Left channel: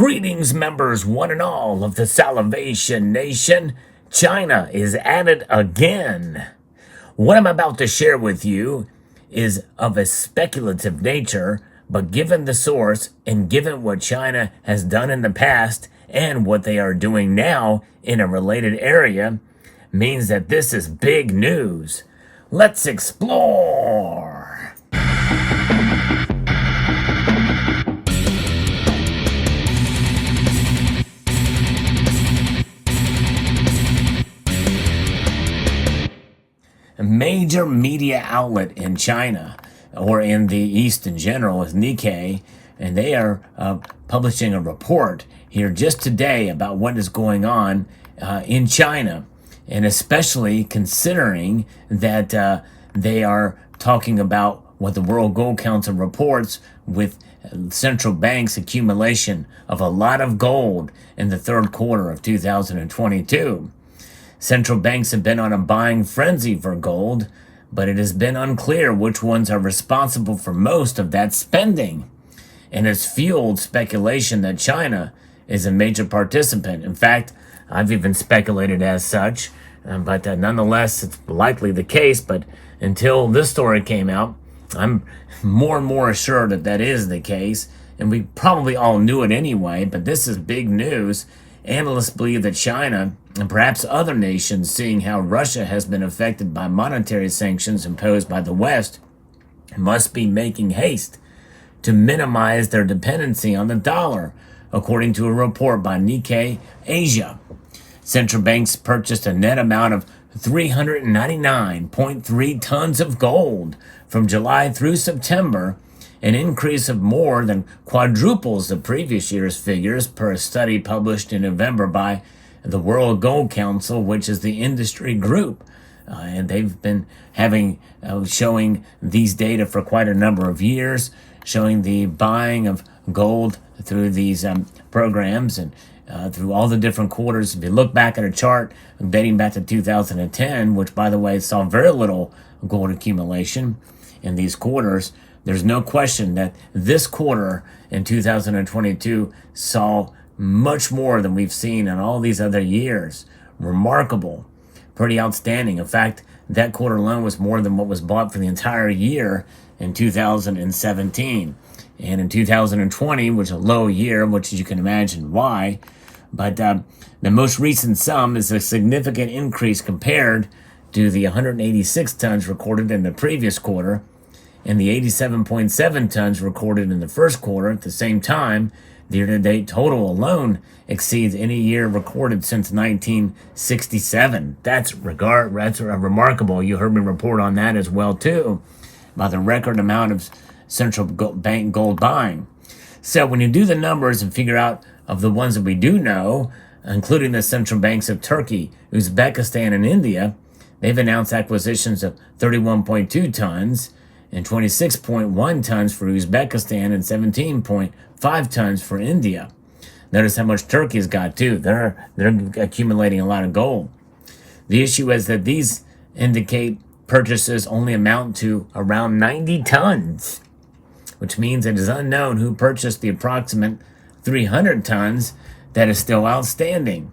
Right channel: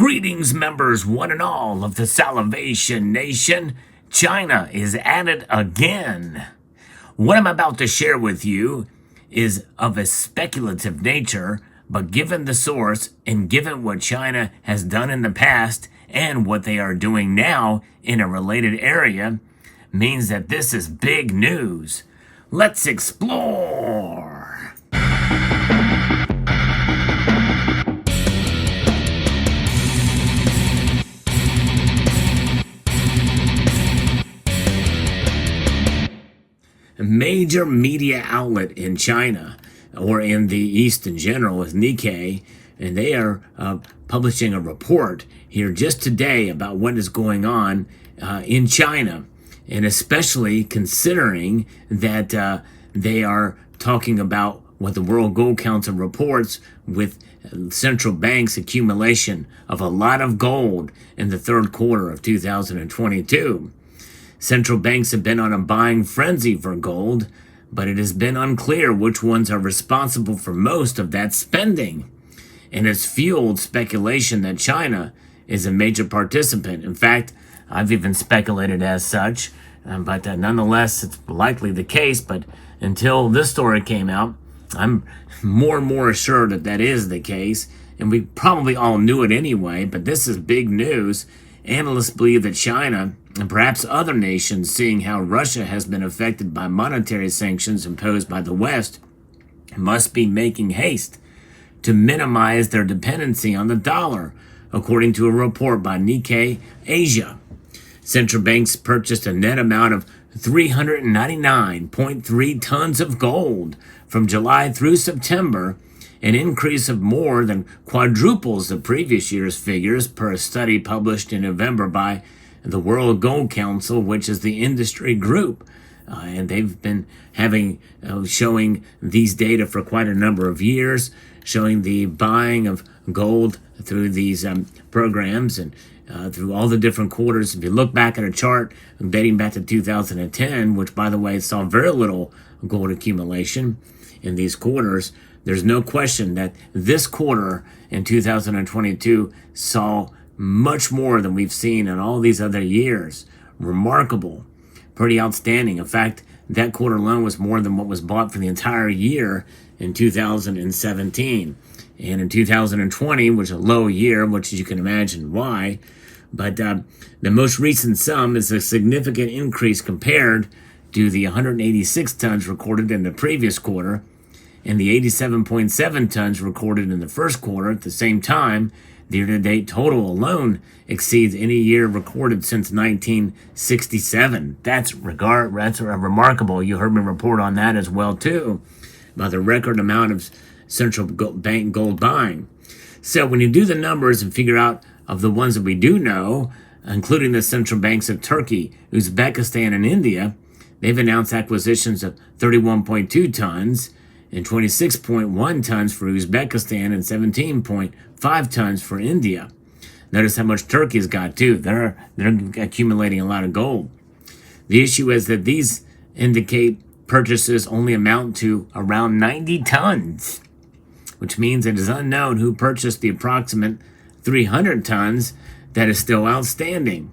Greetings, members, one and all of the Salvation Nation. China is at it again. What I'm about to share with you is of a speculative nature, but given the source and given what China has done in the past and what they are doing now in a related area, means that this is big news. Let's explore. A major media outlet in China, or in the East in general, is Nikkei, and they are publishing a report here just today about what is going on in China, and especially considering that they are talking about what the World Gold Council reports with central banks' accumulation of a lot of gold in the third quarter of 2022. Central banks have been on a buying frenzy for gold, but it has been unclear which ones are responsible for most of that spending, and has fueled speculation that China is a major participant. In fact, I've even speculated as such, but nonetheless, it's likely the case. But until this story came out, I'm more and more assured that that is the case, and we probably all knew it anyway, but this is big news. Analysts believe that China, and perhaps other nations, seeing how Russia has been affected by monetary sanctions imposed by the West, must be making haste to minimize their dependency on the dollar, according to a report by Nikkei Asia. Central banks purchased a net amount of 399.3 tons of gold from July through September, an increase of more than quadruples the previous year's figures per a study published in November by the World Gold Council, which is the industry group. And they've been showing these data for quite a number of years, showing the buying of gold through these programs and through all the different quarters. If you look back at a chart dating back to 2010, which, by the way, saw very little gold accumulation in these quarters, there's no question that this quarter in 2022 saw much more than we've seen in all these other years. Remarkable, pretty outstanding. In fact, that quarter alone was more than what was bought for the entire year in 2017. And in 2020, which was a low year, which you can imagine why, but the most recent sum is a significant increase compared to the 186 tons recorded in the previous quarter, and the 87.7 tons recorded in the first quarter. At the same time, the year-to-date total alone exceeds any year recorded since 1967. That's remarkable. You heard me report on that as well, too, about the record amount of central bank gold buying. So when you do the numbers and figure out of the ones that we do know, including the central banks of Turkey, Uzbekistan, and India, they've announced acquisitions of 31.2 tons, and 26.1 tons for Uzbekistan and 17.5 tons for India. Notice how much Turkey's got too. They're accumulating a lot of gold. The issue is that these indicate purchases only amount to around 90 tons, which means it is unknown who purchased the approximate 300 tons that is still outstanding.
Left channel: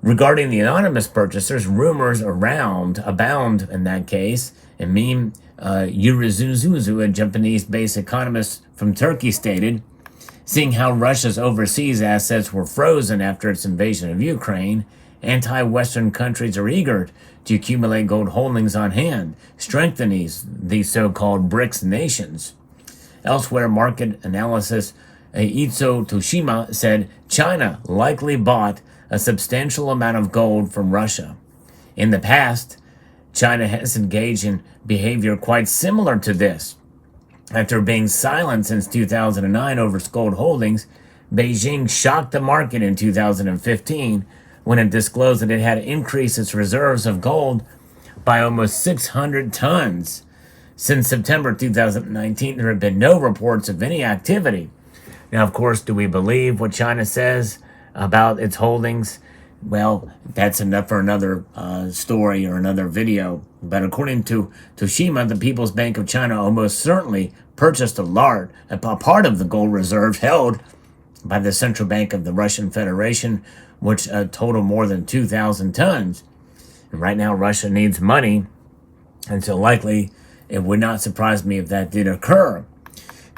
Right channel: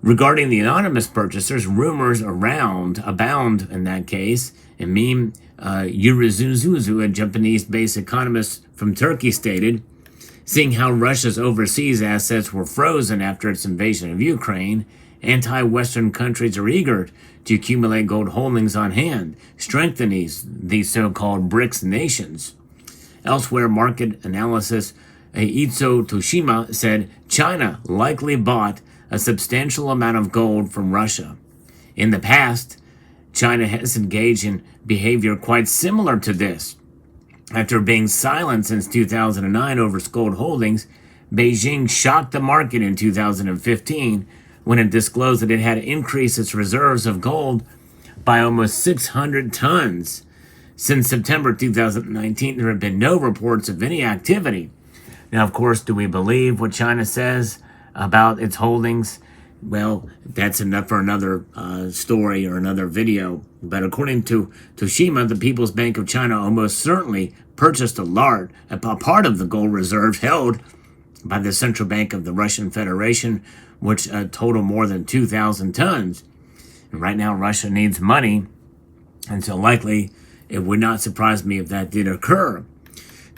Regarding the anonymous purchasers, rumors abound in that case, and Meme Yurizuzu, a Japanese-based economist from Turkey, stated, seeing how Russia's overseas assets were frozen after its invasion of Ukraine, anti-Western countries are eager to accumulate gold holdings on hand, strengthening these so-called BRICS nations. Elsewhere, market analysis Itzo Toshima said China likely bought a substantial amount of gold from Russia. In the past, China has engaged in behavior quite similar to this. After being silent since 2009 over gold holdings, Beijing shocked the market in 2015 when it disclosed that it had increased its reserves of gold by almost 600 tons. Since September 2019, there have been no reports of any activity. Now, of course, do we believe what China says about its holdings? Well, that's enough for another story or another video. But according to Toshima, the People's Bank of China almost certainly purchased a part of the gold reserves held by the Central Bank of the Russian Federation, which total more than 2,000 tons. And right now, Russia needs money, and so likely it would not surprise me if that did occur.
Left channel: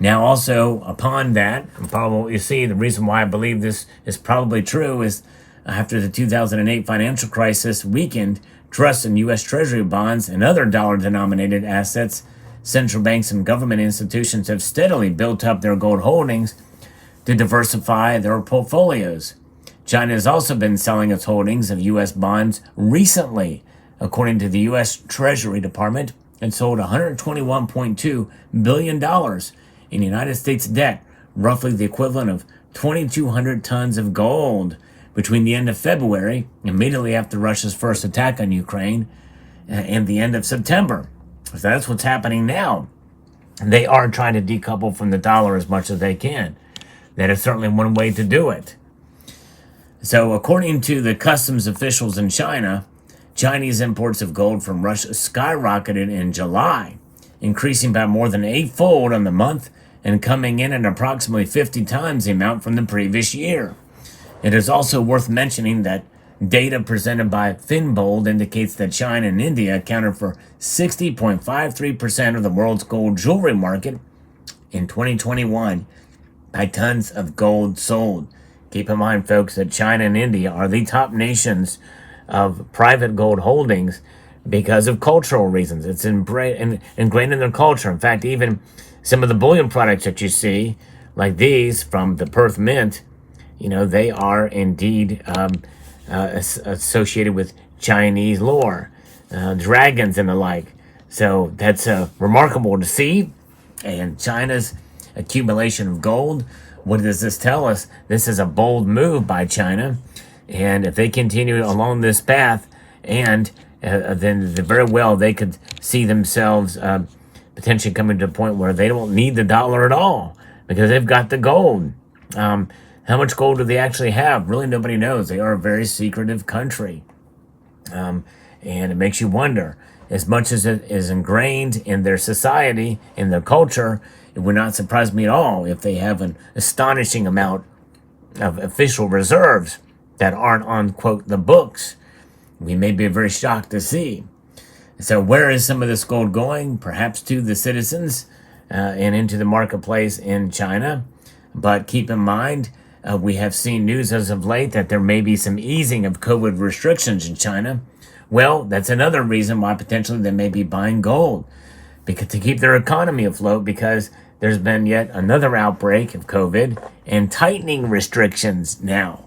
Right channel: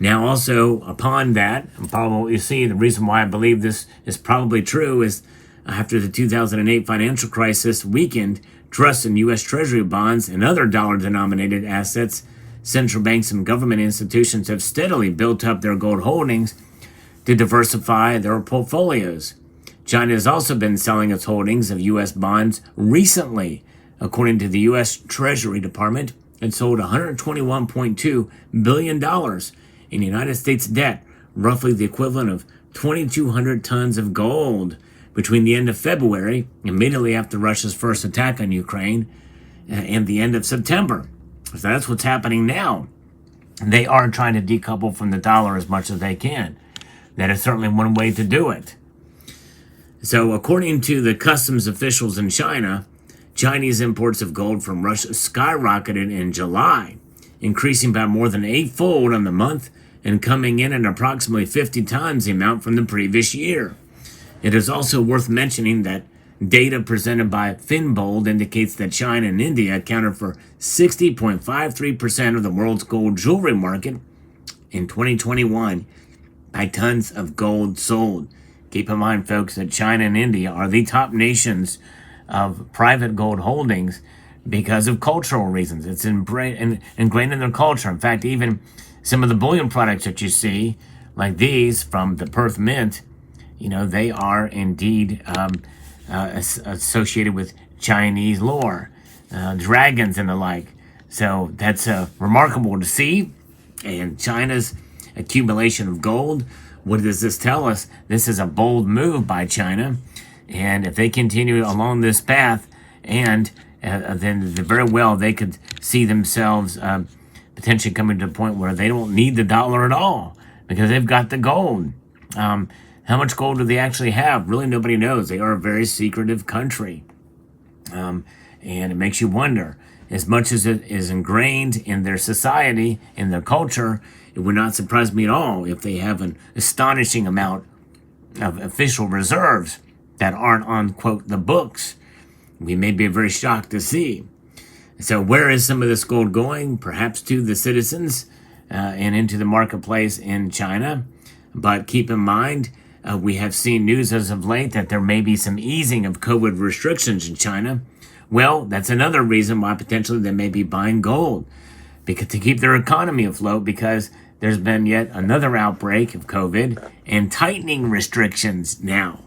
Now, also, upon that, probably you see the reason why I believe this is probably true is after the 2008 financial crisis weakened trust in U.S. Treasury bonds and other dollar-denominated assets, central banks and government institutions have steadily built up their gold holdings to diversify their portfolios. China has also been selling its holdings of U.S. bonds recently. According to the U.S. Treasury Department, it sold $121.2 billion in United States debt, roughly the equivalent of 2,200 tons of gold, between the end of February, immediately after Russia's first attack on Ukraine, and the end of September. So that's what's happening now. They are trying to decouple from the dollar as much as they can. That is certainly one way to do it. So according to the customs officials in China, Chinese imports of gold from Russia skyrocketed in July, increasing by more than eightfold on the month and coming in at approximately 50 times the amount from the previous year. It is also worth mentioning that data presented by Finbold indicates that China and India accounted for 60.53% of the world's gold jewelry market in 2021 by tons of gold sold. Keep in mind, folks, that China and India are the top nations of private gold holdings because of cultural reasons. It's ingrained in their culture. In fact, even some of the bullion products that you see, like these from the Perth Mint, they are indeed associated with Chinese lore, dragons and the like. So that's remarkable to see. And China's accumulation of gold, what does this tell us? This is a bold move by China. And if they continue along this path, and then very well they could see themselves potentially coming to a point where they don't need the dollar at all because they've got the gold. How much gold do they actually have? Really, nobody knows. They are a very secretive country. And it makes you wonder, as much as it is ingrained in their society, in their culture, it would not surprise me at all if they have an astonishing amount of official reserves that aren't on, quote, the books. We may be very shocked to see. So where is some of this gold going? Perhaps to the citizens and into the marketplace in China. But keep in mind, we have seen news as of late that there may be some easing of COVID restrictions in China. Well, that's another reason why potentially they may be buying gold, because to keep their economy afloat, because there's been yet another outbreak of COVID and tightening restrictions now.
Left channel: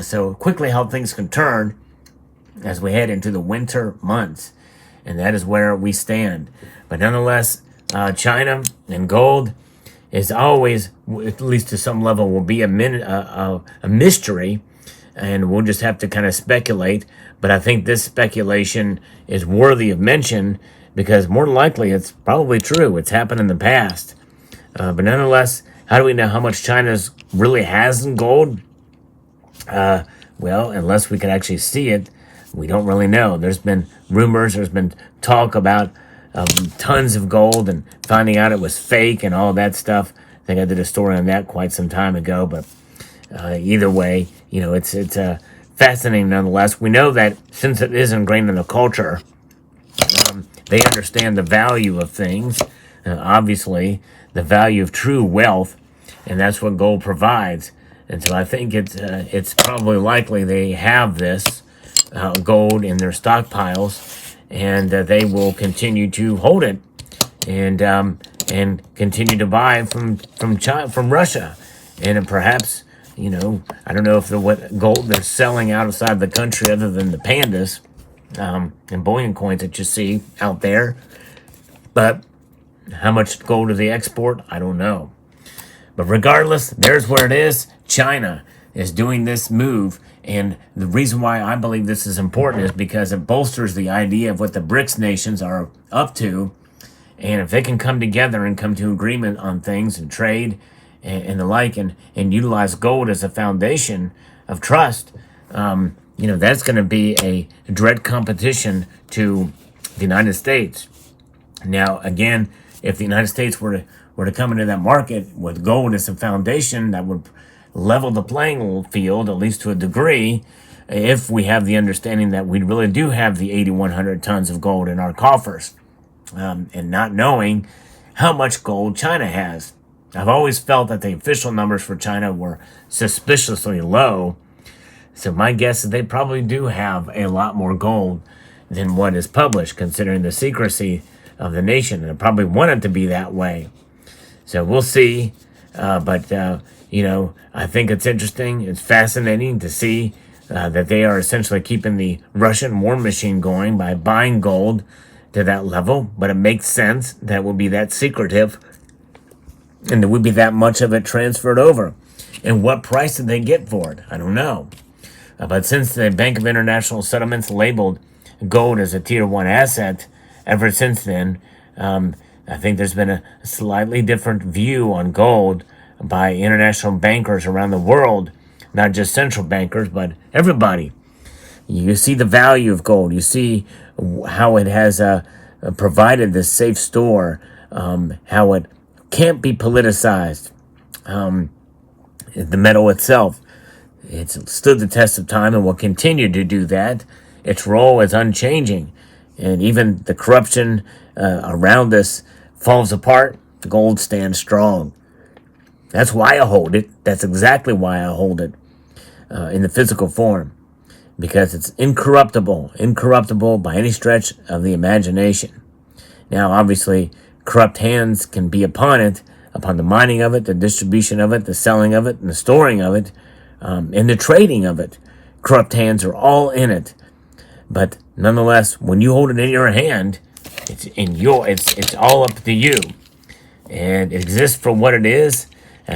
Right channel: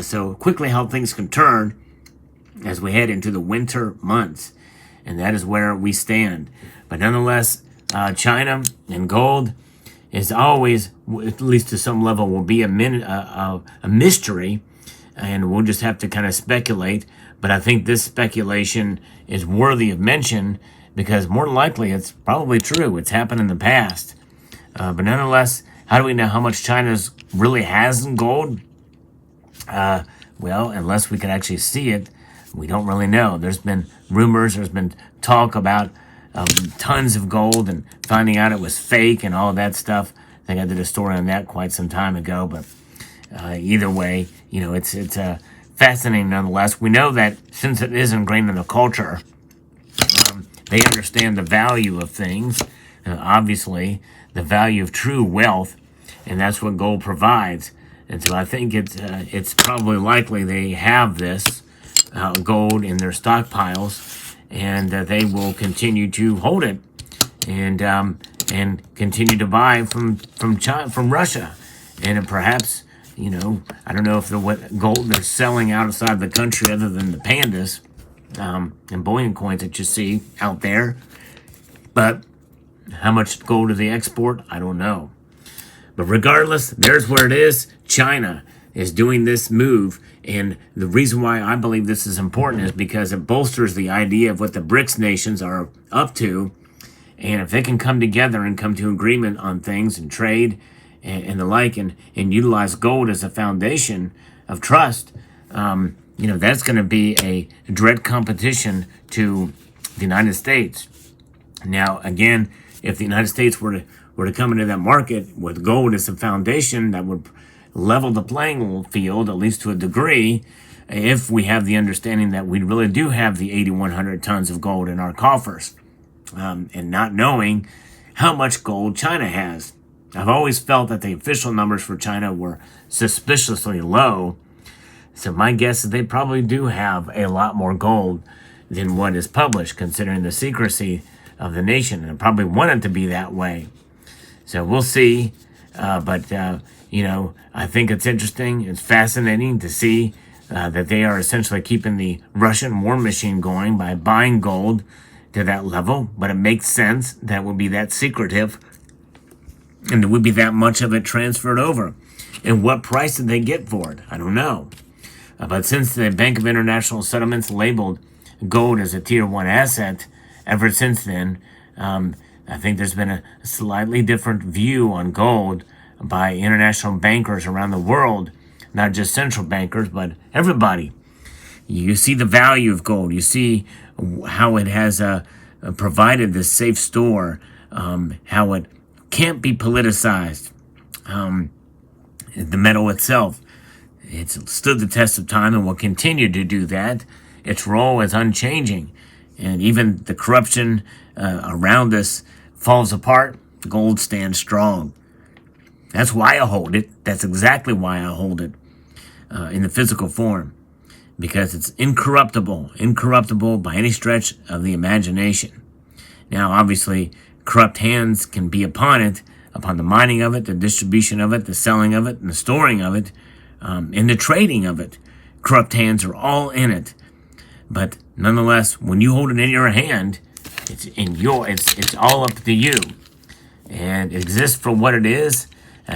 So quickly how things can turn as we head into the winter months. And that is where we stand. But nonetheless, China and gold is always, at least to some level, will be a mystery. And we'll just have to kind of speculate. But I think this speculation is worthy of mention because more than likely it's probably true. It's happened in the past. But nonetheless, how do we know how much China really has in gold? Well, unless we can actually see it, we don't really know. There's been rumors, there's been talk about tons of gold and finding out it was fake and all that stuff. I think I did a story on that quite some time ago, but either way, it's fascinating nonetheless. We know that since it is ingrained in the culture, they understand the value of things, obviously the value of true wealth, and that's what gold provides. And so I think it's probably likely they have this gold in their stockpiles, and they will continue to hold it and continue to buy from China, from Russia, and perhaps I don't know if what gold they're selling outside the country other than the pandas and bullion coins that you see out there, but how much gold do they export? I don't know. But regardless, there's where it is. China is doing this move. And the reason why I believe this is important is because it bolsters the idea of what the BRICS nations are up to. And if they can come together and come to agreement on things and trade and the like and utilize gold as a foundation of trust, that's going to be a direct competition to the United States. Now, again, if the United States were to come into that market with gold as a foundation, that would level the playing field, at least to a degree, if we have the understanding that we really do have the 8,100 tons of gold in our coffers, and not knowing how much gold China has. I've always felt that the official numbers for China were suspiciously low, so my guess is they probably do have a lot more gold than what is published, considering the secrecy of the nation, and I probably want it to be that way. So we'll see, but I think it's interesting, it's fascinating to see that they are essentially keeping the Russian war machine going by buying gold to that level, but it makes sense that it would be that secretive and there would be that much of it transferred over. And what price did they get for it? I don't know. But since the Bank of International Settlements labeled gold as a Tier 1 asset, ever since then, I think there's been a slightly different view on gold by international bankers around the world, not just central bankers, but everybody. You see the value of gold. You see how it has provided this safe store, how it can't be politicized. The metal itself, it's stood the test of time and will continue to do that. Its role is unchanging. And even the corruption around us falls apart, gold stands strong. That's why I hold it. That's exactly why I hold it in the physical form. Because it's incorruptible by any stretch of the imagination. Now, obviously, corrupt hands can be upon it, upon the mining of it, the distribution of it, the selling of it, and the storing of it, and the trading of it. Corrupt hands are all in it. But nonetheless, when you hold it in your hand, it's all up to you. And it exists for what it is.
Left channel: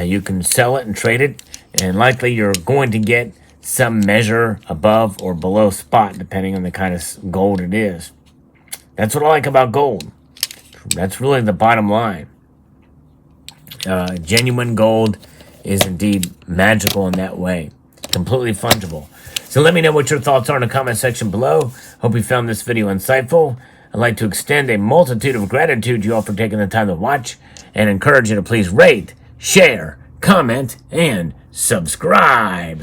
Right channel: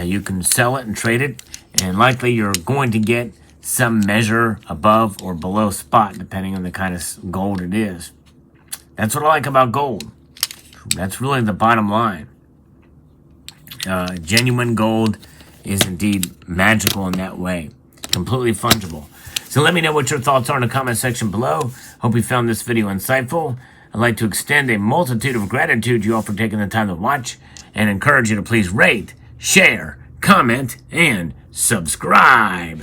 You can sell it and trade it, and likely you're going to get some measure above or below spot, depending on the kind of gold it is. That's what I like about gold. That's really the bottom line. Genuine gold is indeed magical in that way. Completely fungible. So let me know what your thoughts are in the comment section below. Hope you found this video insightful. I'd like to extend a multitude of gratitude to you all for taking the time to watch, and encourage you to please rate, share, comment, and subscribe.